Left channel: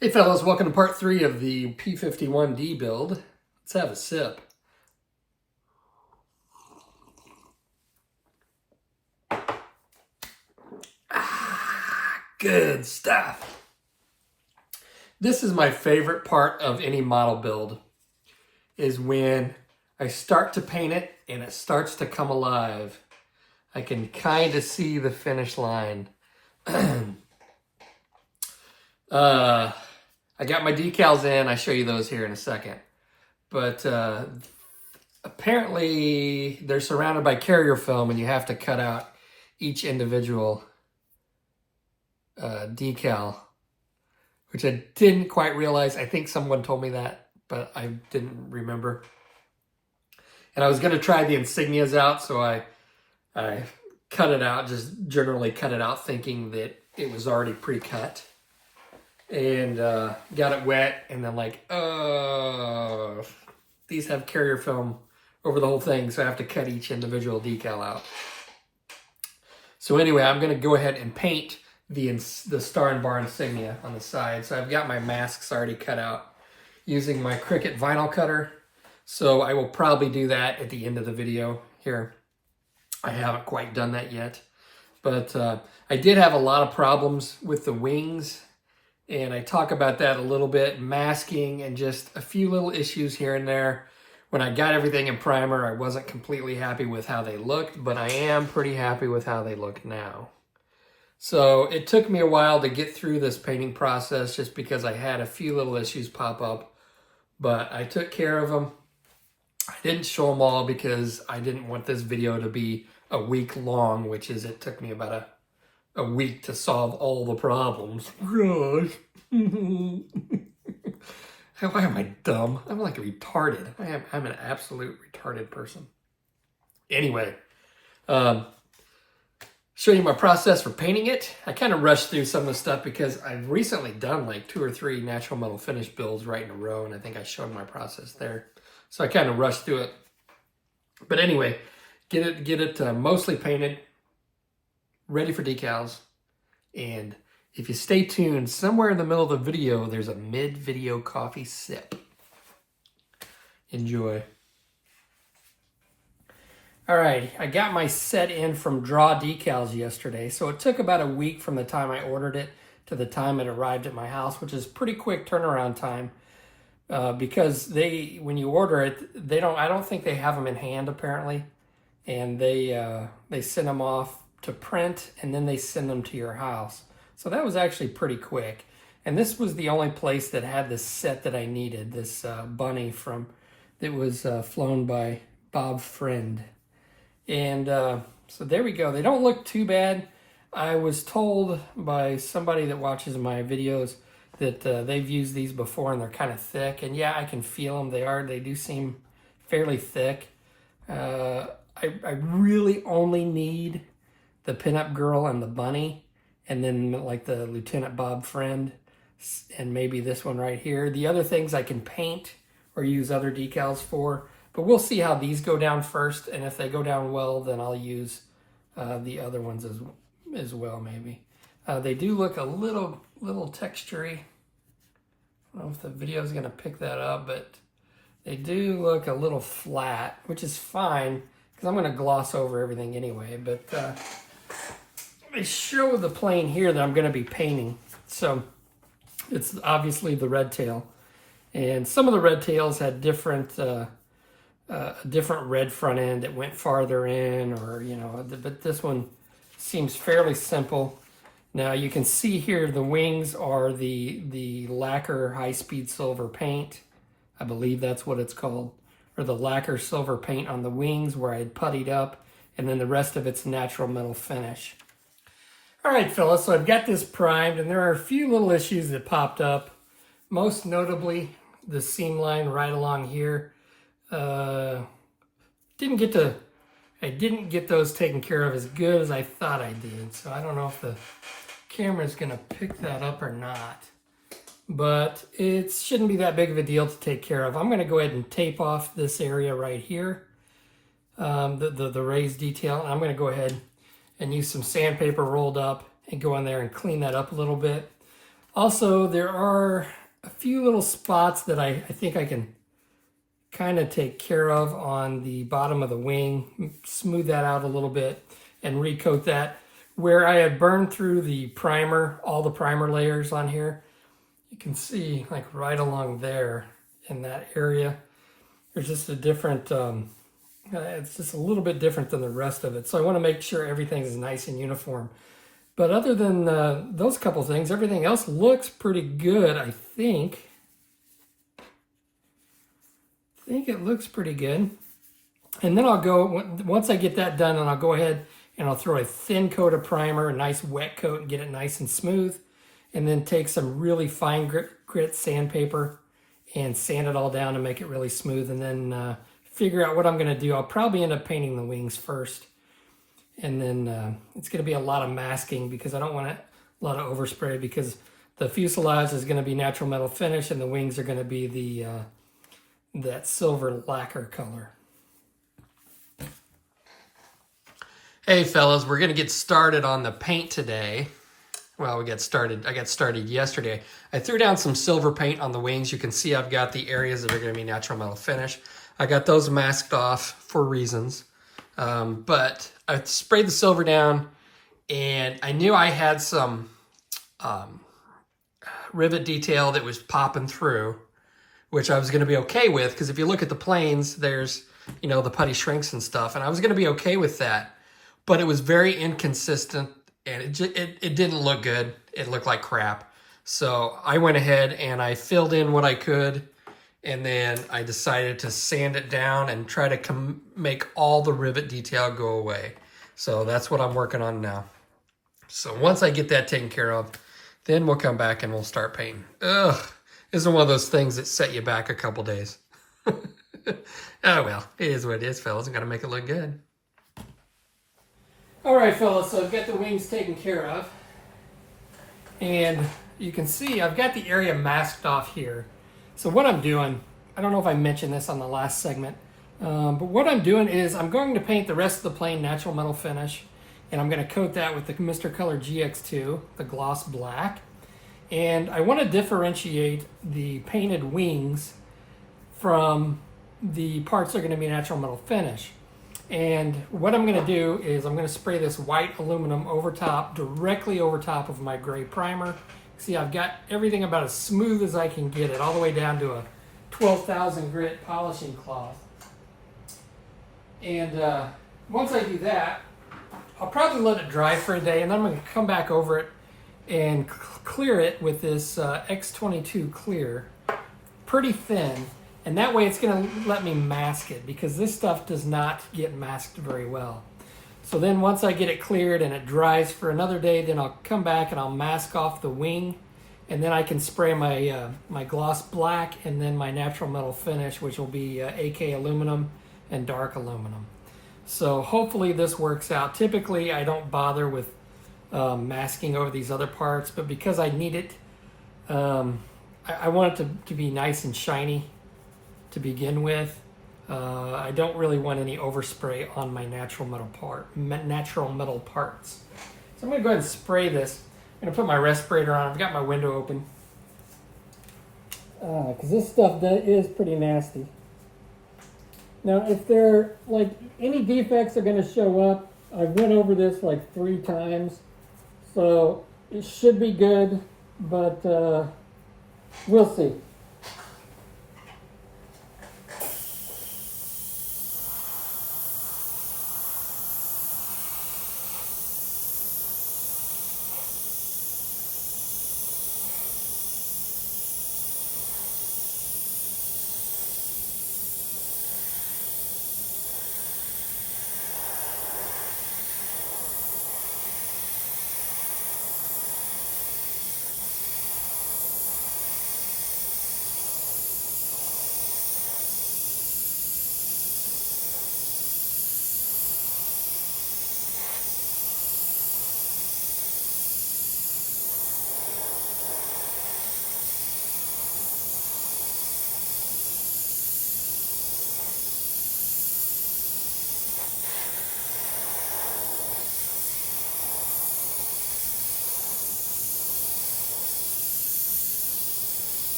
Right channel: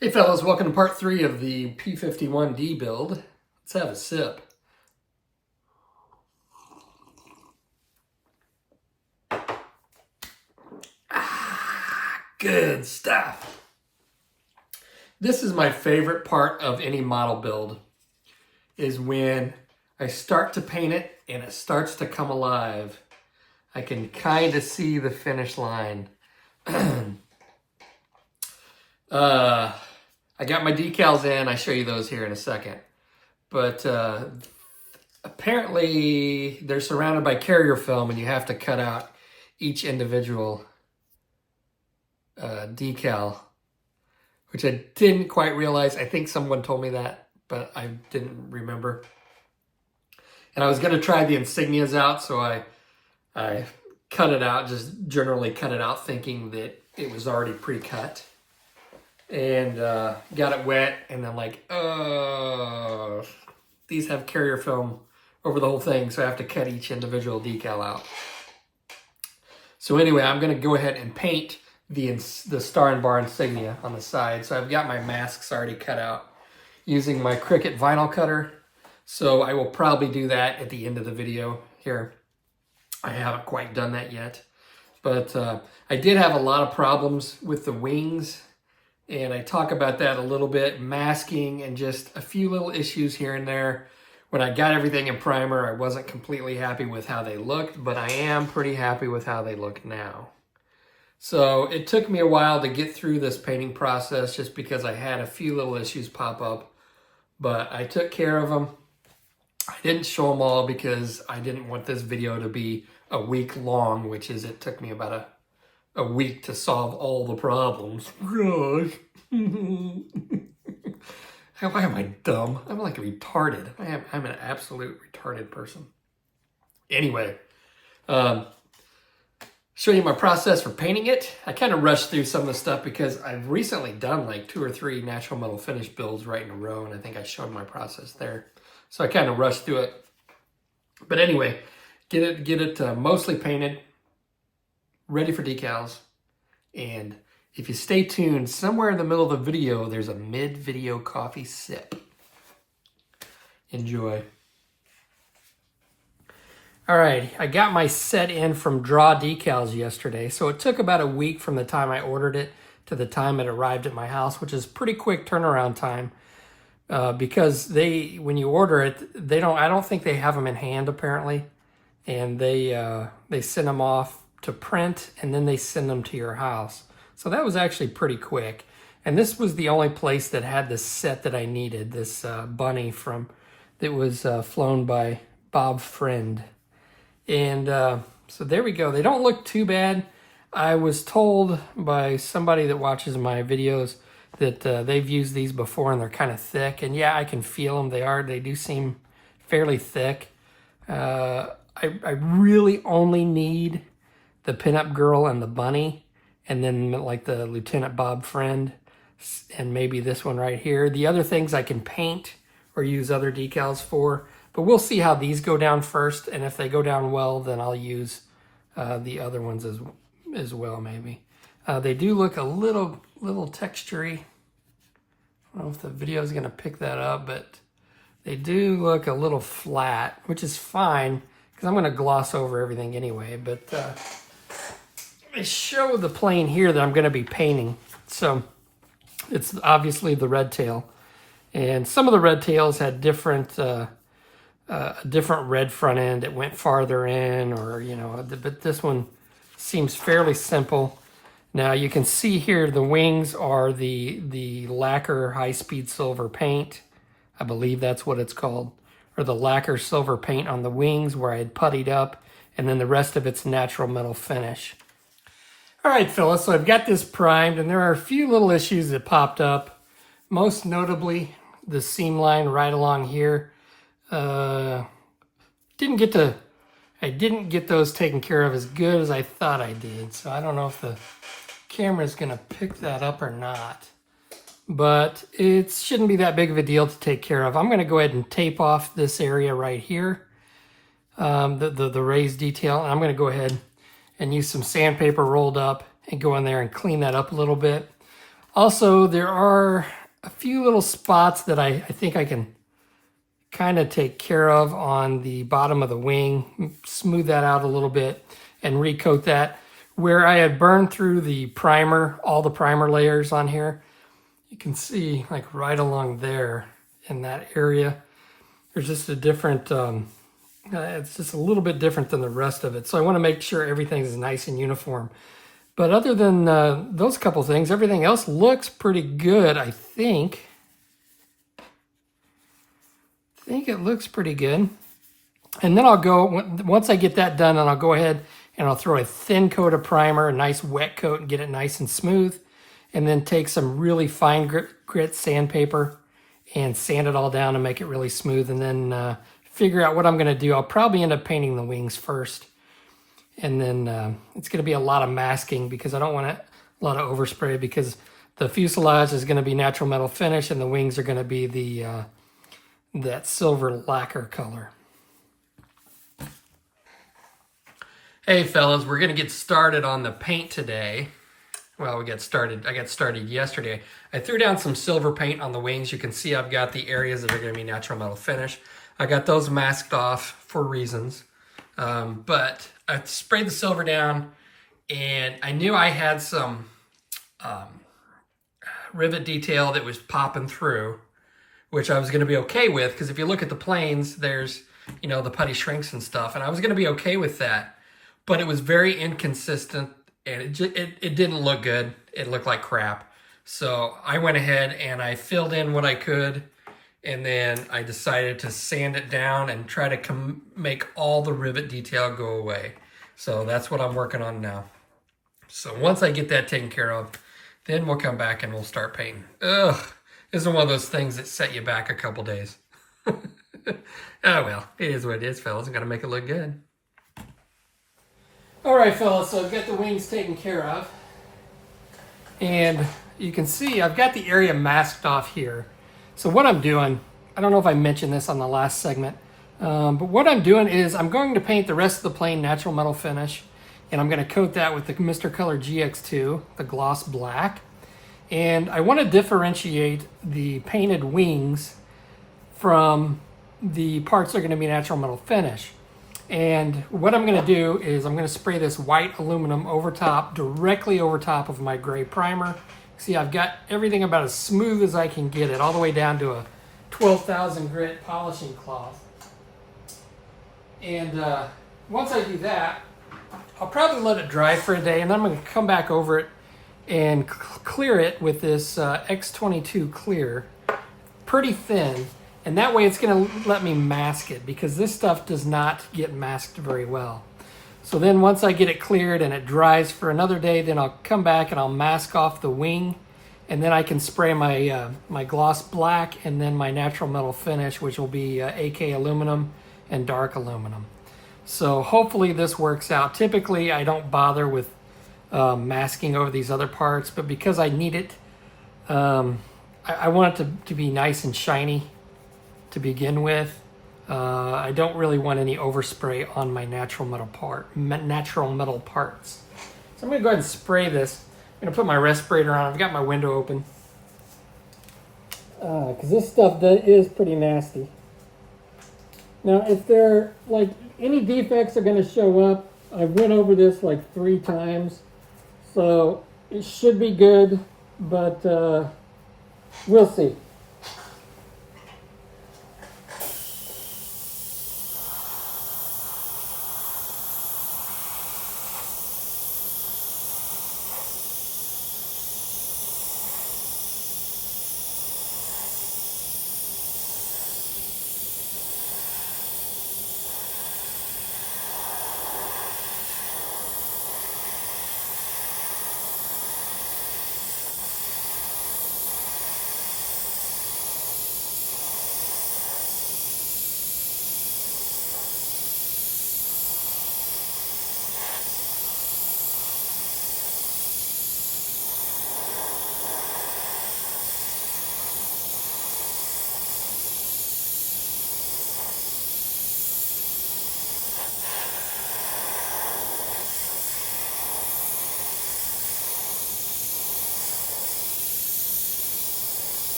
Hey fellas, welcome to part 3 of the P-51D build. Let's have a sip. Good stuff. This is my favorite part of any model build, is when I start to paint it and it starts to come alive. I can kind of see the finish line. I got my decals in. I'll show you those here in a second. But apparently they're surrounded by carrier film and you have to cut out each individual decal, which I didn't quite realize. I think someone told me that, but I didn't remember. And I was going to try the insignias out, so I cut it out, just generally cut it out thinking that it was already pre-cut. And got it wet, and then like, these have carrier film over the whole thing, so I have to cut each individual decal out. So anyway, I'm going to go ahead and paint the star and bar insignia on the side. So I've got my masks already cut out using my Cricut vinyl cutter. So I will probably do that at the end of the video here. I haven't quite done that yet. But I did have a lot of problems with the wings, and I talk about that a little bit, masking and just a few little issues here and there. When I got everything in primer, I wasn't completely happy with how they looked, but I am pretty happy with how they look now. So it took me a while to get through this painting process just because I had a few little issues pop up, but I took care of them. I didn't show them all because I didn't want this video to be a week long, which is, it took me about a week to solve all the problems. Gosh. Why am I dumb? I'm like retarded. I'm an absolute retarded person. Anyway, show you my process for painting it. I kind of rushed through some of the stuff because I've recently done like 2 or 3 natural metal finish builds right in a row, and I think I showed my process there. So I kind of rushed through it. But anyway, get it mostly painted, ready for decals. And if you stay tuned, somewhere in the middle of the video, there's a mid-video coffee sip. Enjoy. All right, I got my set in from Draw Decals yesterday. So it took about a week from the time I ordered it to the time it arrived at my house, which is pretty quick turnaround time. Because when you order it, I don't think they have them in hand apparently. And they send them off to print, and then they send them to your house. So that was actually pretty quick. And this was the only place that had the set that I needed, this bunny that was flown by Bob Friend. And so there we go. They don't look too bad. I was told by somebody that watches my videos that they've used these before and they're kind of thick. And yeah, I can feel them. They do seem fairly thick. I really only need the pinup girl and the bunny, and then like the Lieutenant Bob Friend, and maybe this one right here. The other things I can paint or use other decals for, but we'll see how these go down first, and if they go down well, then I'll use the other ones as well, maybe. They do look a little textury. I don't know if the video is going to pick that up, but they do look a little flat, which is fine, because I'm going to gloss over everything anyway. But I show the plane here that I'm going to be painting. So it's obviously the red tail. And some of the red tails had different red front end. It went farther in, or, but this one seems fairly simple. Now you can see here the wings are the lacquer high-speed silver paint. I believe that's what it's called. Or the lacquer silver paint on the wings where I had puttied up, and then the rest of it's natural metal finish. All right, fellas, so I've got this primed, and there are a few little issues that popped up. Most notably, the seam line right along here. I didn't get those taken care of as good as I thought I did, so I don't know if the camera's gonna pick that up or not. But it shouldn't be that big of a deal to take care of. I'm gonna go ahead and tape off this area right here, the raised detail, and I'm gonna go ahead and use some sandpaper rolled up and go in there and clean that up a little bit. Also, there are a few little spots that I think I can kind of take care of on the bottom of the wing, smooth that out a little bit and recoat that. Where I had burned through the primer, all the primer layers on here, you can see like right along there in that area, there's just a different, it's just a little bit different than the rest of it. So I want to make sure everything is nice and uniform. But other than those couple things, everything else looks pretty good, I think. I think it looks pretty good. And then I'll go, once I get that done, and I'll go ahead and I'll throw a thin coat of primer, a nice wet coat, and get it nice and smooth. And then take some really fine grit sandpaper and sand it all down and make it really smooth. And then figure out what I'm going to do. I'll probably end up painting the wings first. And then it's going to be a lot of masking because I don't want a lot of overspray, because the fuselage is going to be natural metal finish and the wings are going to be the that silver lacquer color. Hey fellas, we're going to get started on the paint today. Well, I got started yesterday. I threw down some silver paint on the wings. You can see I've got the areas that are going to be natural metal finish. I got those masked off for reasons. But I sprayed the silver down, and I knew I had some rivet detail that was popping through, which I was going to be okay with, because if you look at the planes, there's, you know, the putty shrinks and stuff, and I was going to be okay with that. But it was very inconsistent, and it didn't look good. It looked like crap. So I went ahead and I filled in what I could, and then I decided to sand it down and try to make all the rivet detail go away. So that's what I'm working on now. So once I get that taken care of, then we'll come back and we'll start painting. Ugh, this is one of those things that set you back a couple days. Oh well, it is what it is, fellas. I've got to make it look good. All right, fellas, so I've got the wings taken care of. And you can see I've got the area masked off here. So what I'm doing, I don't know if I mentioned this on the last segment, but what I'm doing is I'm going to paint the rest of the plane natural metal finish, and I'm going to coat that with the Mr. Color GX2, the gloss black. And I want to differentiate the painted wings from the parts that are going to be natural metal finish. And what I'm going to do is I'm going to spray this white aluminum over top, directly over top of my gray primer. See, I've got everything about as smooth as I can get it, all the way down to a 12,000 grit polishing cloth. And once I do that, I'll probably let it dry for a day, and then I'm going to come back over it and clear it with this X22 clear, pretty thin. And that way it's going to let me mask it, because this stuff does not get masked very well. So then once I get it cleared and it dries for another day, then I'll come back and I'll mask off the wing, and then I can spray my my gloss black and then my natural metal finish, which will be AK aluminum and dark aluminum. So hopefully this works out. Typically I don't bother with masking over these other parts, but because I need it, I want it to be nice and shiny to begin with. I don't really want any overspray on my natural metal parts. So I'm going to go ahead and spray this. I'm going to put my respirator on. I've got my window open, because this stuff is pretty nasty. Now, if there like any defects are going to show up, I went over this like 3 times, so it should be good, but we'll see.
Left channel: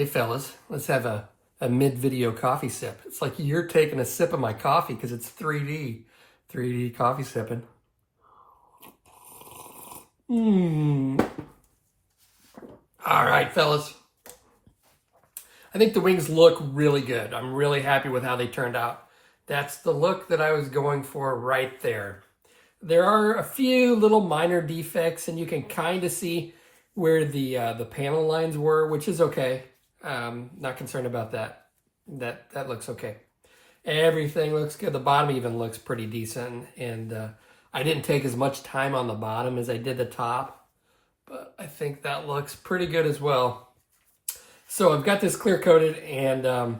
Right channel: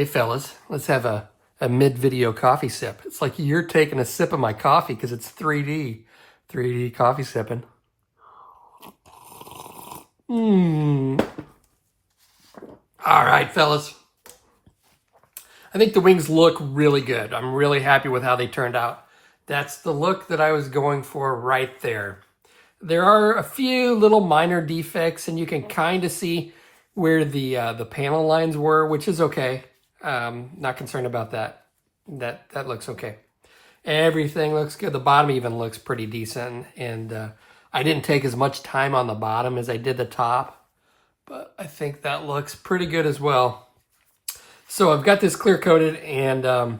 Hey fellas, let's have a mid-video coffee sip. It's like you're taking a sip of my coffee because it's 3D coffee sipping. All right, fellas. I think the wings look really good. I'm really happy with how they turned out. That's the look that I was going for right there. There are a few little minor defects, and you can kind of see where the panel lines were, which is okay. Not concerned about that. That looks okay. Everything looks good. The bottom even looks pretty decent, and I didn't take as much time on the bottom as I did the top, but I think that looks pretty good as well. So I've got this clear coated, and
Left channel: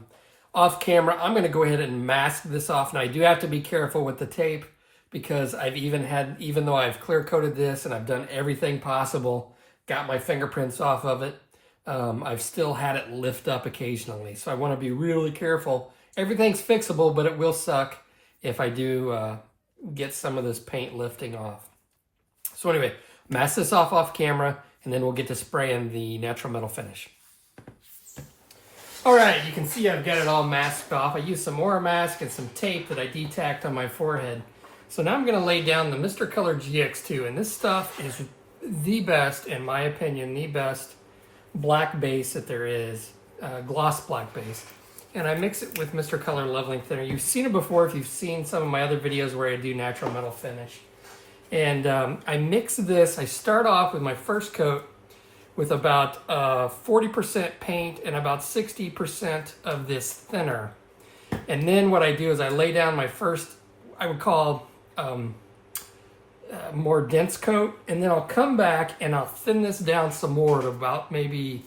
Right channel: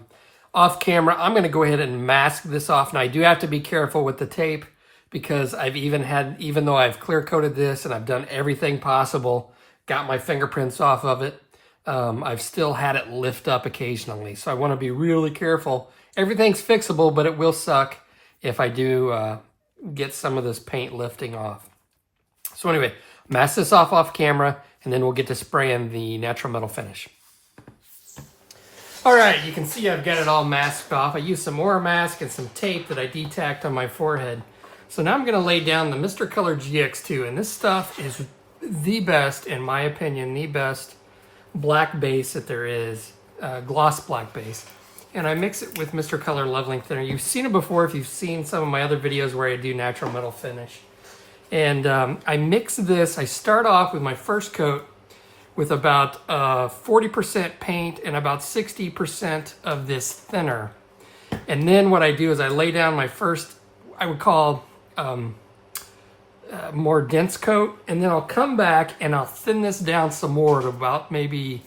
off camera, I'm going to go ahead and mask this off. Now I do have to be careful with the tape because even though I've clear coated this and I've done everything possible, got my fingerprints off of it, I've still had it lift up occasionally. So I want to be really careful. Everything's fixable, but it will suck if I do get some of this paint lifting off. So anyway, mask this off camera, and then we'll get to spraying the natural metal finish. All right, you can see I've got it all masked off. I used some Aura mask and some tape that I detacked on my forehead. So now I'm going to lay down the Mr. Color GX2, and this stuff is the best, in my opinion, the best black base that there is, gloss black base. And I mix it with Mr. Color Leveling Thinner. You've seen it before if you've seen some of my other videos where I do natural metal finish. And I mix this, I start off with my first coat with about 40% paint and about 60% of this thinner. And then what I do is I lay down my first, I would call more dense coat, and then I'll come back and I'll thin this down some more to about maybe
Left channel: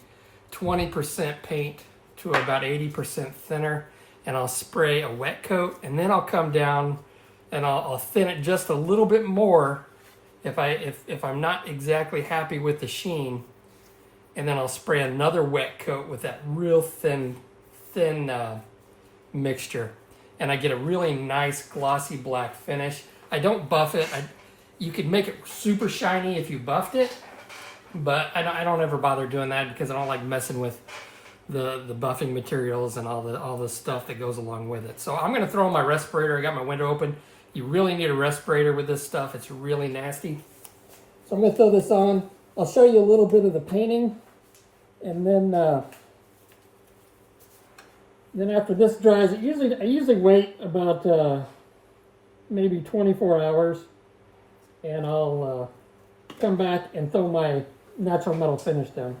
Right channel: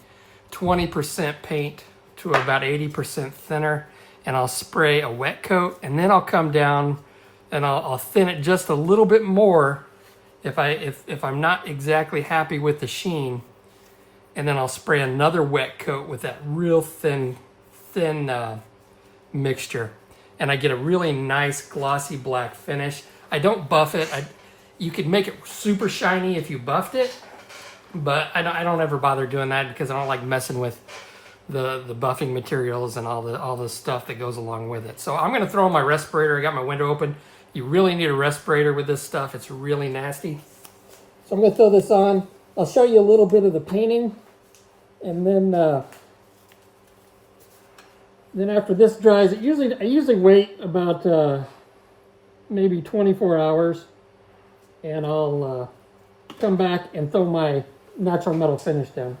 20% paint to about 80% thinner, and I'll spray a wet coat, and then I'll come down and I'll thin it just a little bit more if I'm not exactly happy with the sheen, and then I'll spray another wet coat with that real thin mixture, and I get a really nice glossy black finish. I don't buff it. You could make it super shiny if you buffed it, but I don't ever bother doing that because I don't like messing with the buffing materials and all the stuff that goes along with it. So I'm going to throw in my respirator. I got my window open. You really need a respirator with this stuff. It's really nasty. So I'm going to throw this on. I'll show you a little bit of the painting, and then after this dries, I usually wait about maybe 24 hours, and I'll come back and throw my natural metal finish down.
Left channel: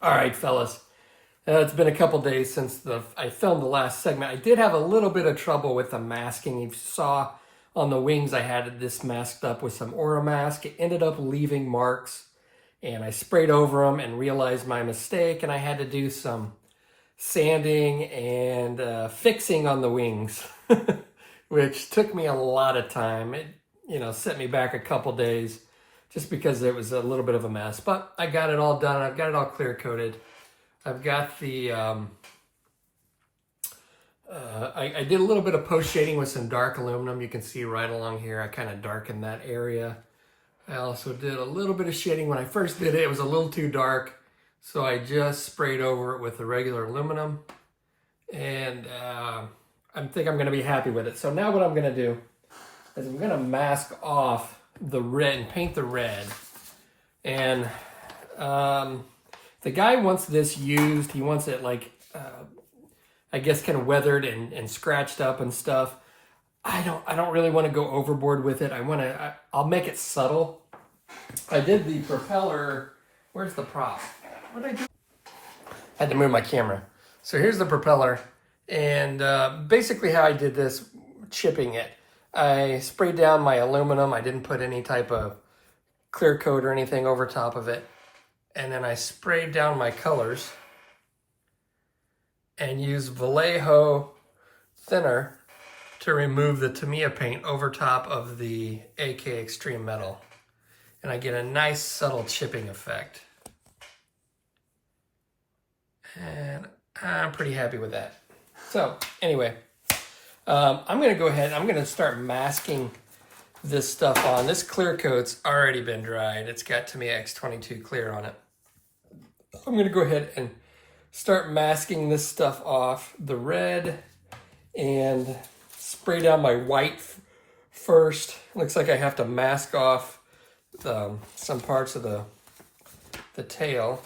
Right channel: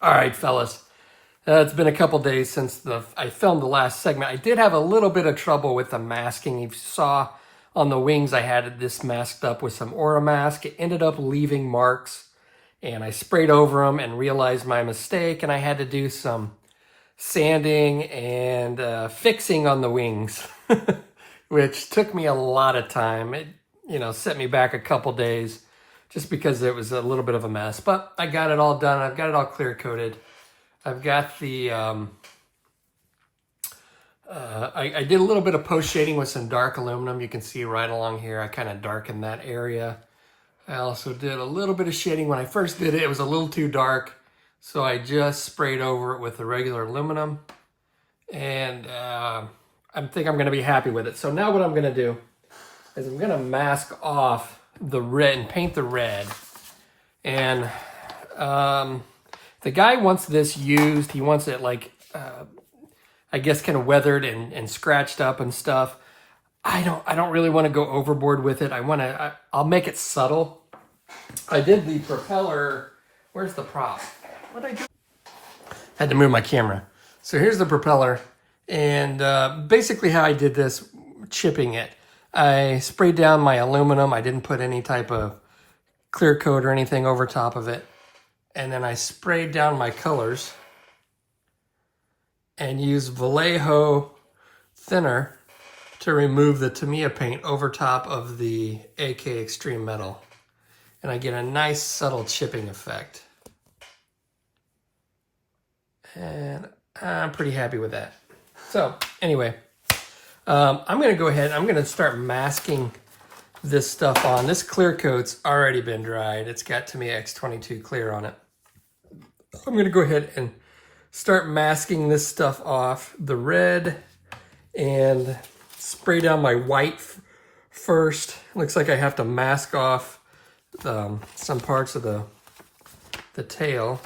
All right, fellas. It's been a couple days since I filmed the last segment. I did have a little bit of trouble with the masking. If you saw on the wings, I had this masked up with some Aura mask. It ended up leaving marks, and I sprayed over them and realized my mistake, and I had to do some sanding and fixing on the wings, which took me a lot of time. It, set me back a couple days, just because it was a little bit of a mess. But I got it all done. I've got it all clear coated. I've got the, I did a little bit of post shading with some dark aluminum. You can see right along here, I kind of darkened that area. I also did a little bit of shading. When I first did it, it was a little too dark, so I just sprayed over it with the regular aluminum. And I think I'm gonna be happy with it. So now what I'm gonna do is I'm gonna mask off the red and paint the red. And the guy wants this used. He wants it like I guess kind of weathered and scratched up and stuff. I don't really want to go overboard with it. I'll make it subtle. I did the propeller. Where's the prop? What did I do? Had to move my camera. So here's the propeller, and basically how I did this, chipping it. I sprayed down my aluminum. I didn't put any type of clear coat or anything over top of it. And then I sprayed down my colors and used Vallejo thinner to remove the Tamiya paint over top of the AK Extreme Metal. And I get a nice subtle chipping effect. And I'm pretty happy with that. So anyway, I'm gonna go ahead, I'm gonna start masking this stuff on. This clear coat's already been dried. It's got Tamiya X22 clear on it. I'm gonna go ahead and start masking this stuff off, the red, and spray down my white first. Looks like I have to mask off some parts of the tail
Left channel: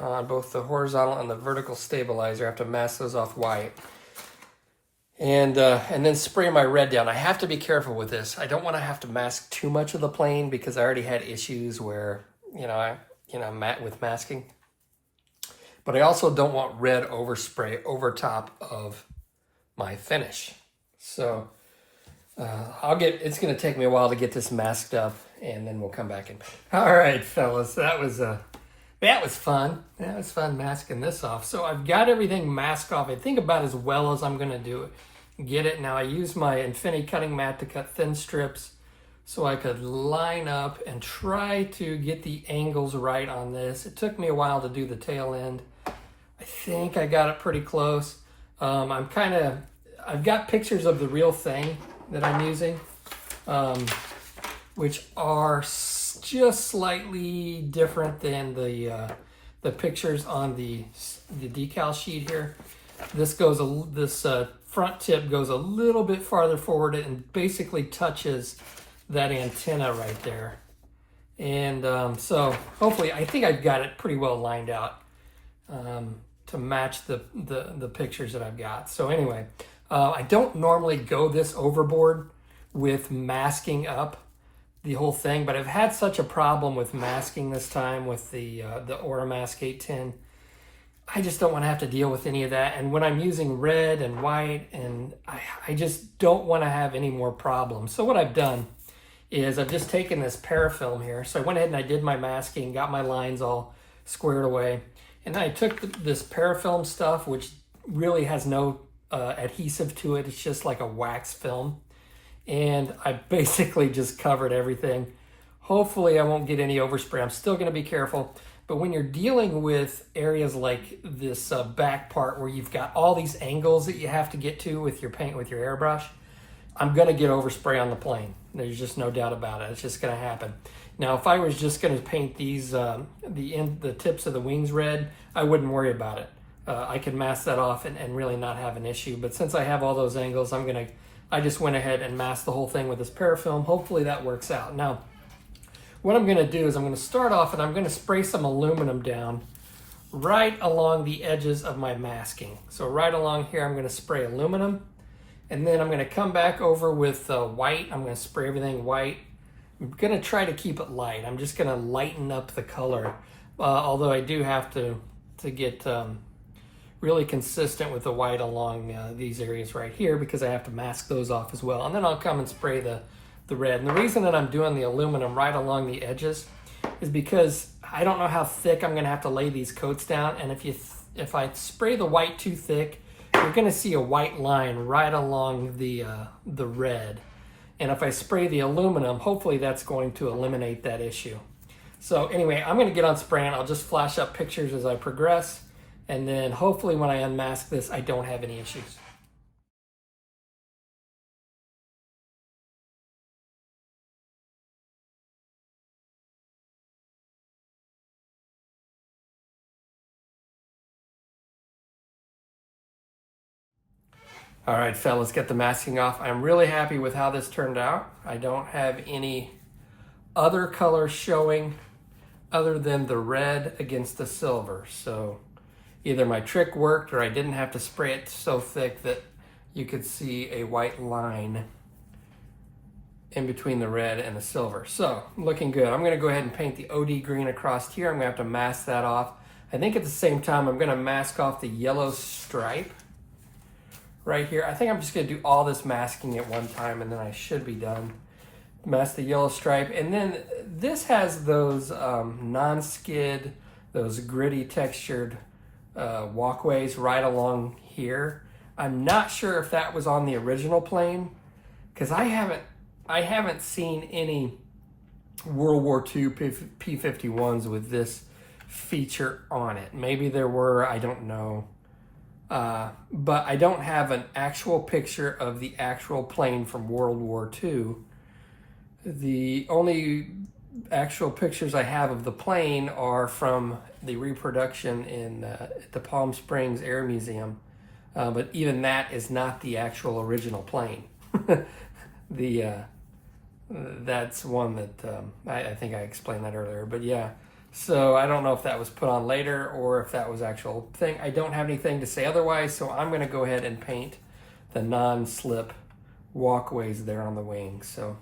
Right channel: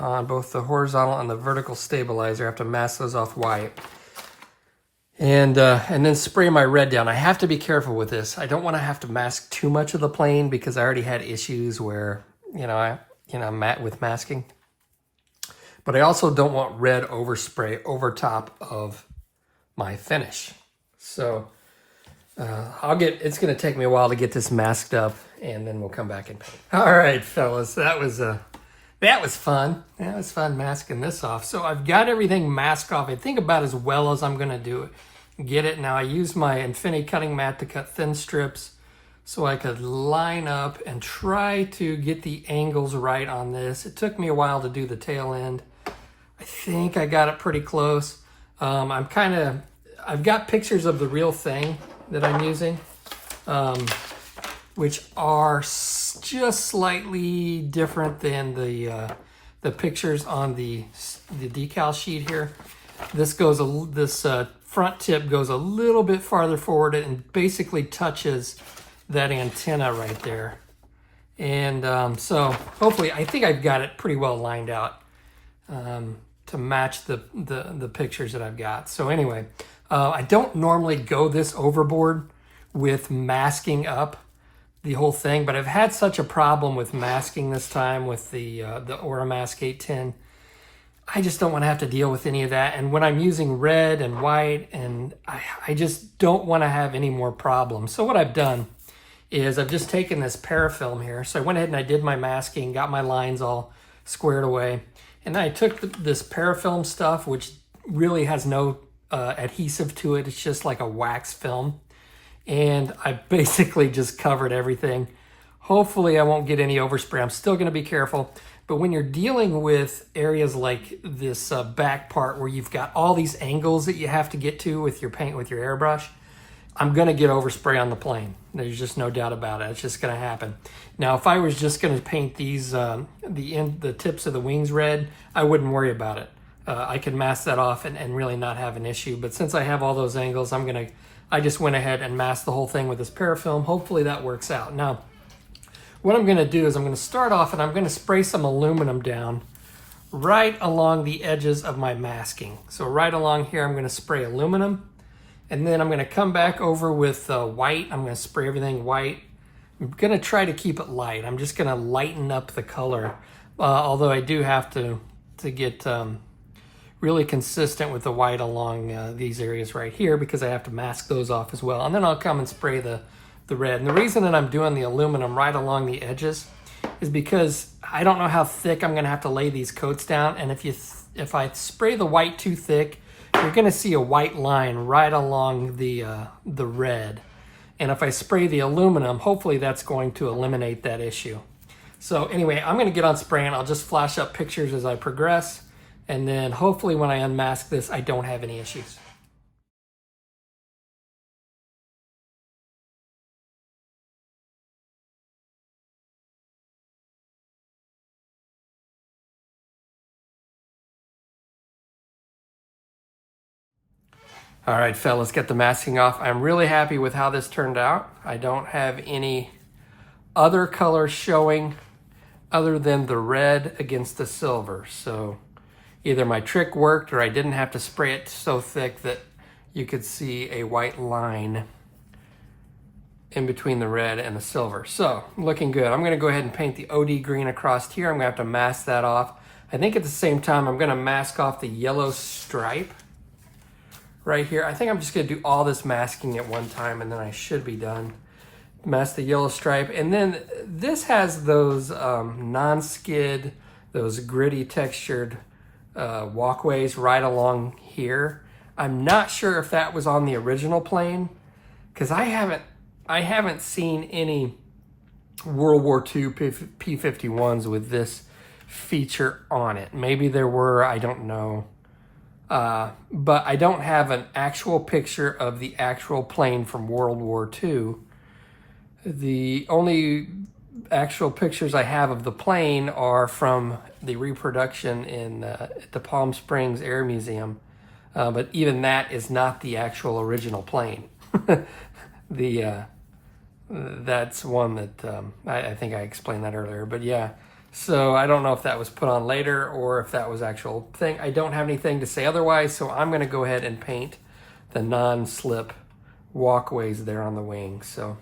on both the horizontal and the vertical stabilizer. I have to mask those off white. And then spray my red down. I have to be careful with this. I don't want to have to mask too much of the plane because I already had issues where, with masking. But I also don't want red overspray over top of my finish. So it's going to take me a while to get this masked up, and then we'll come back in. All right, fellas, that was fun. Yeah, it was fun masking this off. So I've got everything masked off. I think about as well as I'm going to do it. Get it. Now I use my Infinity cutting mat to cut thin strips so I could line up and try to get the angles right on this. It took me a while to do the tail end. I think I got it pretty close. I've got pictures of the real thing that I'm using, which are just slightly different than the pictures on the decal sheet here. This front tip goes a little bit farther forward and basically touches that antenna right there. And so hopefully, I think I've got it pretty well lined out to match the pictures that I've got. So anyway, I don't normally go this overboard with masking up the whole thing, but I've had such a problem with masking this time with the Oramask 810. I just don't want to have to deal with any of that. And when I'm using red and white, and I just don't want to have any more problems. So what I've done is I've just taken this parafilm here. So I went ahead and I did my masking, got my lines all squared away. And then I took this parafilm stuff, which really has no adhesive to it. It's just like a wax film. And I basically just covered everything. Hopefully I won't get any overspray. I'm still going to be careful. But when you're dealing with areas like this back part where you've got all these angles that you have to get to with your paint, with your airbrush, I'm going to get overspray on the plane. There's just no doubt about it. It's just going to happen. Now, if I was just going to paint these, the tips of the wings red, I wouldn't worry about it. I could mask that off and really not have an issue. But since I have all those angles, I just went ahead and masked the whole thing with this parafilm. Hopefully that works out. Now, what I'm going to do is I'm going to start off and I'm going to spray some aluminum down right along the edges of my masking. So right along here, I'm going to spray aluminum. And then I'm going to come back over with white. I'm going to spray everything white. I'm going to try to keep it light. I'm just going to lighten up the color. Although I do have to get really consistent with the white along these areas right here because I have to mask those off as well. And then I'll come and spray the red. And the reason that I'm doing the aluminum right along the edges is because I don't know how thick I'm going to have to lay these coats down. And if I spray the white too thick, you're going to see a white line right along the red. And if I spray the aluminum, hopefully that's going to eliminate that issue. So anyway, I'm going to get on spraying. I'll just flash up pictures as I progress. And then hopefully when I unmask this, I don't have any issues. All right, fellas, get the masking off. I'm really happy with how this turned out. I don't have any other color showing other than the red against the silver. So either my trick worked or I didn't have to spray it so thick that you could see a white line in between the red and the silver. So looking good. I'm going to go ahead and paint the OD green across here. I'm going to have to mask that off. I think at the same time, I'm gonna mask off the yellow stripe right here. I think I'm just gonna do all this masking at one time and then I should be done. Mask the yellow stripe. And then this has those non-skid, those gritty textured walkways right along here. I'm not sure if that was on the original plane because I haven't seen any World War II P-51s with this feature on it. Maybe there were, I don't know. But I don't have an actual picture of the actual plane from World War II. The only actual pictures I have of the plane are from the reproduction in at the Palm Springs Air Museum. But even that is not the actual original plane. That's one that I think I explained that earlier. But yeah, so I don't know if that was put on later or if that was actual thing. I don't have anything to say otherwise, so I'm going to go ahead and paint the non-slip walkways there on the wing. So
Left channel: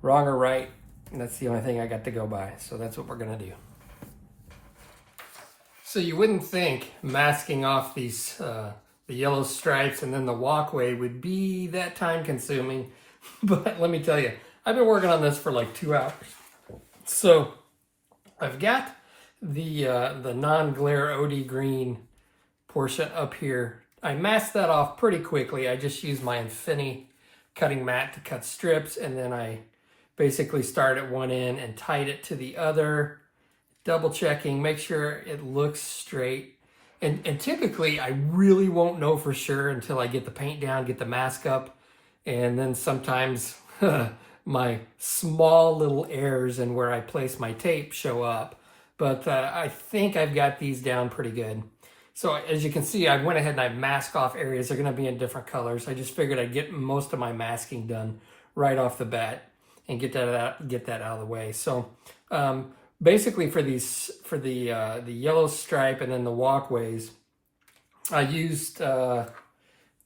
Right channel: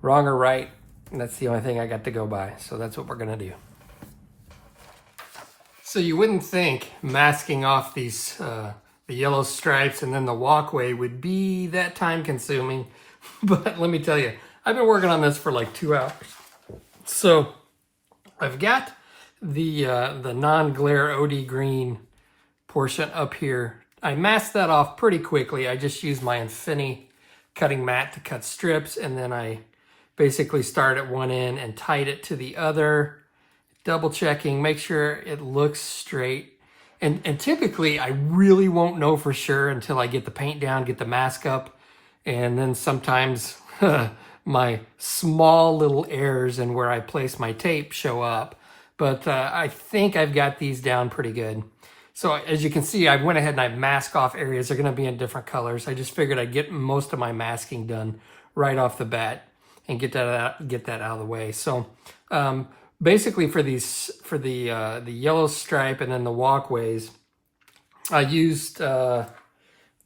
wrong or right, that's the only thing I got to go by. So that's what we're going to do. So you wouldn't think masking off these the yellow stripes and then the walkway would be that time consuming, but let me tell you, I've been working on this for like 2 hours. So I've got the non-glare OD green portion up here. I masked that off pretty quickly. I just used my Infinity cutting mat to cut strips, and then I basically start at one end and tied it to the other, double checking, make sure it looks straight. And typically I really won't know for sure until I get the paint down, get the mask up, and then sometimes my small little errors in where I place my tape show up. But I think I've got these down pretty good. So as you can see, I went ahead and I masked off areas. They're going to be in different colors. I just figured I'd get most of my masking done right off the bat and get that out of the way. So basically for the yellow stripe and then the walkways, I used the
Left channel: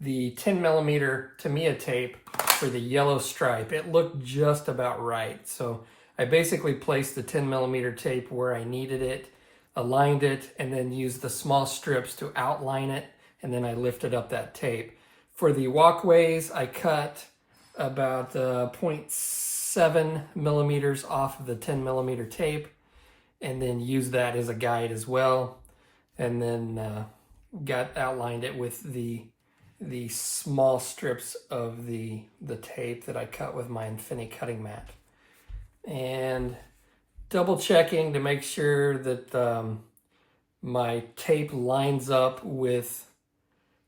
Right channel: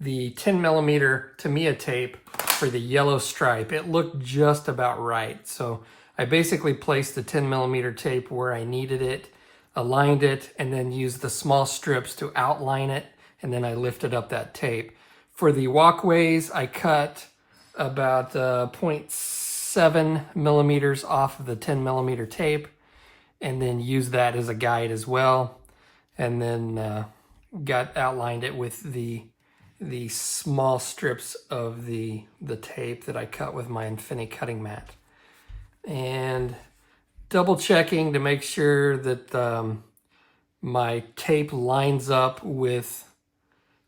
10mm Tamiya tape for the yellow stripe. It looked just about right. So I basically placed the 10mm tape where I needed it, aligned it, and then used the small strips to outline it, and then I lifted up that tape. For the walkways, I cut about 0.7mm off of the 10mm tape, and then used that as a guide as well, and then outlined it with the small strips of the tape that I cut with my Infinity cutting mat. And double checking to make sure that my tape lines up with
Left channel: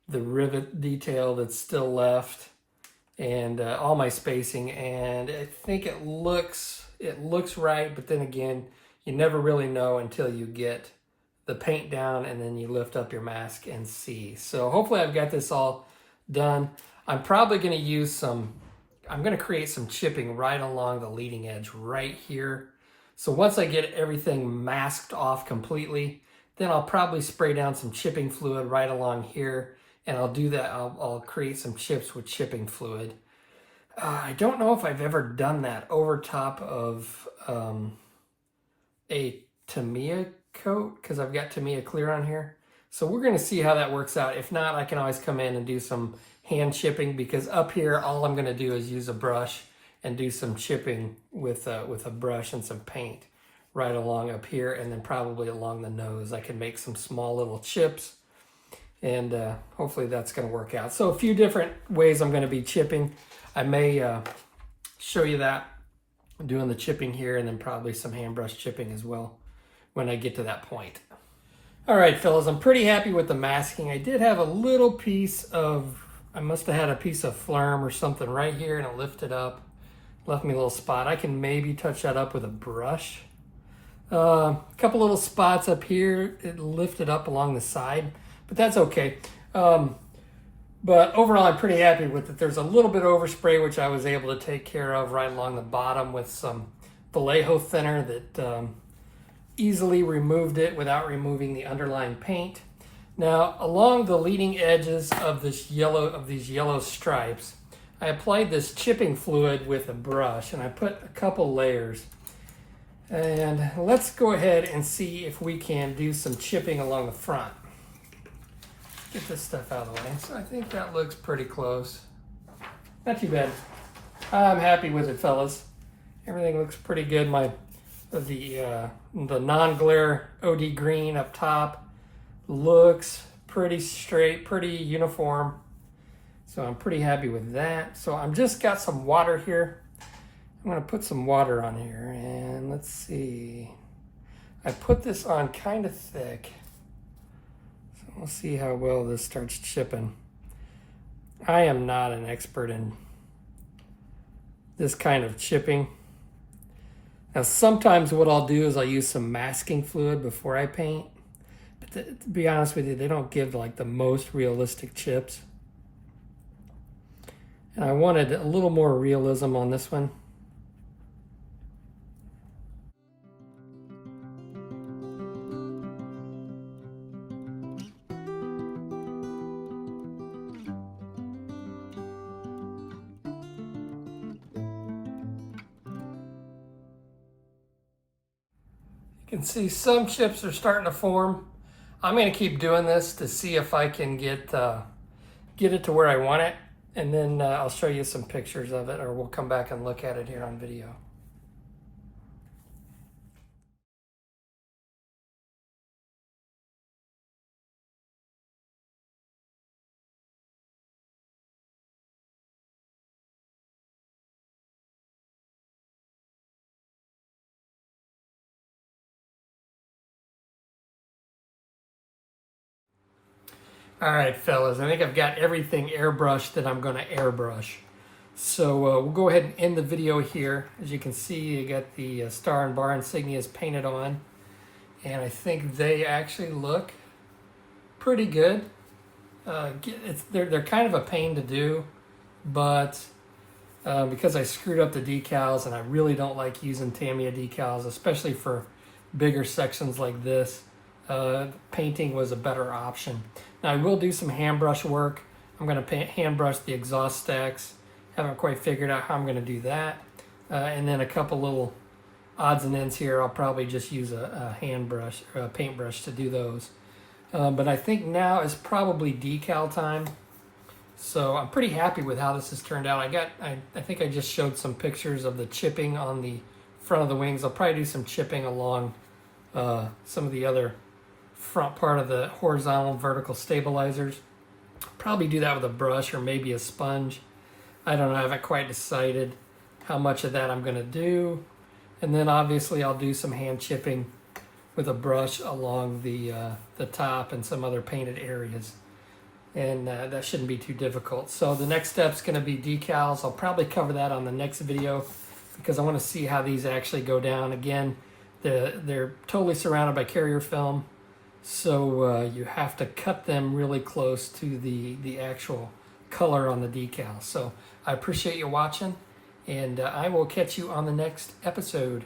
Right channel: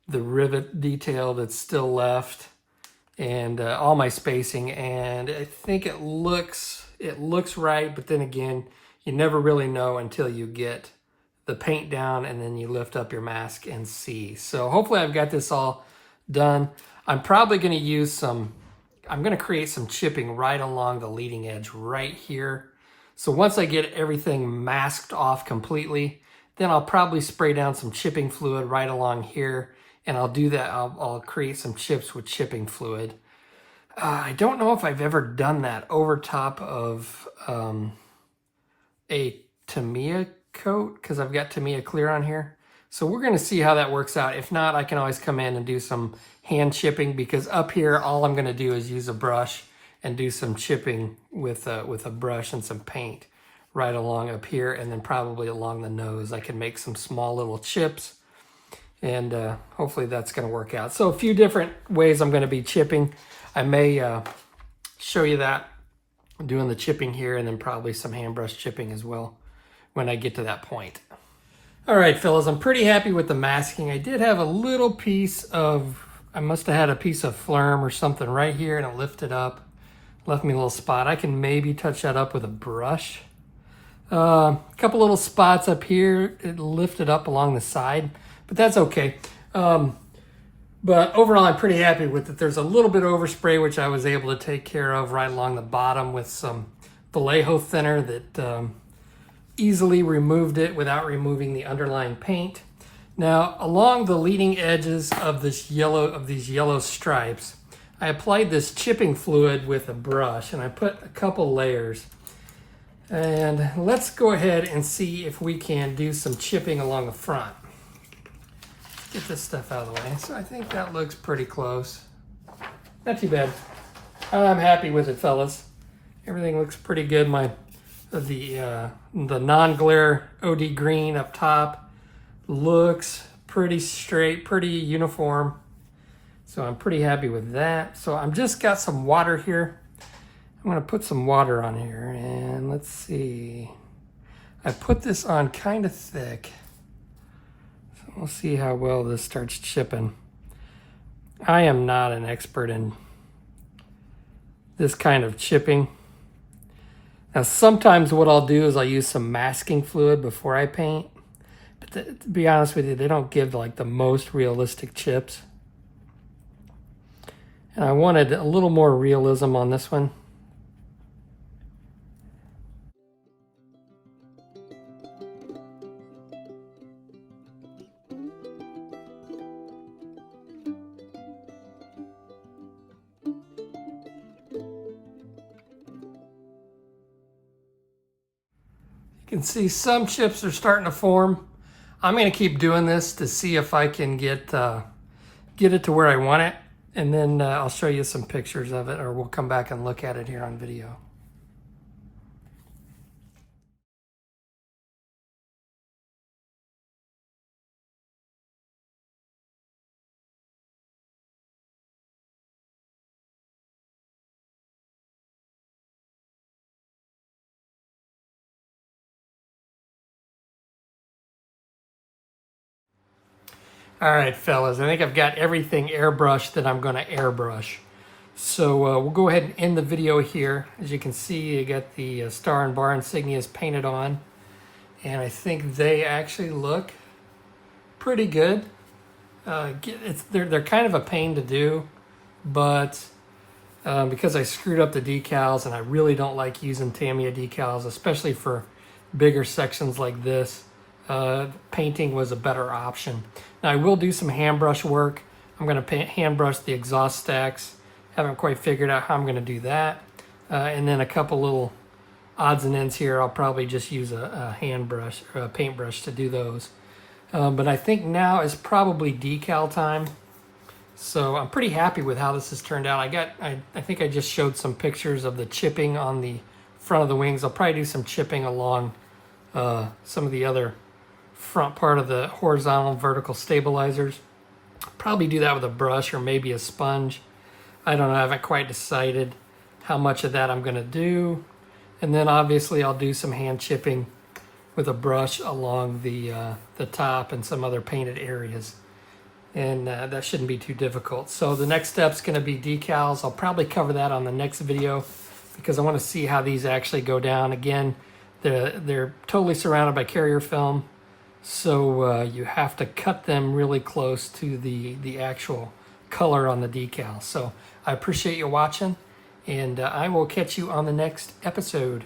the rivet detail that's still left, and all my spacing. And I think it looks right, but then again, you never really know until you get the paint down and then you lift up your mask and see. So hopefully I've got this all done. I'm probably going to use I'm going to create some chipping right along the leading edge right here. So once I get everything masked off completely, then I'll probably spray down some chipping fluid right along here, and I'll do that. I'll create some chips with chipping fluid. I don't know if I've ever done that over top of a Tamiya coat, because I've got Tamiya clear on here. So we're going to see how that works out. If not, I can always come in and do some hand chipping, because up here all I'm going to do is use a brush and do some chipping with a brush and some paint right along up here, and then probably along the nose. I can make some small little chips, and hopefully that's going to work out. So a few different ways I'm going to be chipping. I may show you that, doing the chipping here, and then probably some hand brush chipping as well when I get to that point. All right, fellas, I'm pretty happy with the masking. I did have a little piece of, I must have had a piece of phlegm or something right here, and it lifted up, left me a little spot. I can maybe touch that up with a brush. A couple little spots up here, it lifted up along the side, but that's okay. But overall, I'm pretty happy with it. There's a little bit of overspray, which I was able to take care of right along the bottom with some Vallejo thinner that easily removed it without removing the underlying paint. Now, along the leading edges of these yellow stripes, I applied this chipping fluid with a brush, and I put a couple layers. And let's go ahead and see if we can do some chipping along the front. Get this stuff out of the way. So I think that looks pretty close. Not too bad. I'm happy with it, fellas. Everything looks pretty good. The non-glare OD green up top looks pretty straight, pretty uniform. So I'm pretty happy with that. So I'm just got some water here. I'm gonna put some water on here, and let's see. I put this on kind of thick. So we'll see how well this starts chipping. I am not an expert in this kind of chipping. Now sometimes what I'll do is I'll use some masking fluid before I paint. But to be honest with you, they don't give like the most realistic chips. And I wanted a little more realism on this one. You can see some chips are starting to form. I'm going to keep doing this to see if I can get it to where I want it, and then I'll show you some pictures of it, or we'll come back and look at it here on video. All right, fellas, I think I've got everything airbrushed that I'm going to airbrush. So we'll go ahead and end the video here. As you can see, you got the star and bar insignias painted on, and I think they actually look pretty good. They're kind of a pain to do, but because I screwed up the decals, and I really don't like using Tamiya decals, especially for bigger sections like this, painting was a better option. Now I will do some hand brush work. I'm going to hand brush the exhaust stacks. Haven't quite figured out how I'm going to do that. And then a couple little odds and ends here. I'll probably just use a hand brush or a paintbrush to do those. But I think now is probably decal time. So I'm pretty happy with how this has turned out. I think I just showed some pictures of the chipping on the front of the wings. I'll probably do some chipping along some of the other front part of the horizontal and vertical stabilizers. Probably do that with a brush or maybe a sponge. I don't know, I haven't quite decided how much of that I'm going to do. And then obviously I'll do some hand chipping with a brush along the top and some other painted areas. And that shouldn't be too difficult. So the next step's going to be decals. I'll probably cover that on the next video because I want to see how these actually go down. Again, they're totally surrounded by carrier film. So you have to cut them really close to the actual color on the decal. So I appreciate you watching, and I will catch you on the next episode.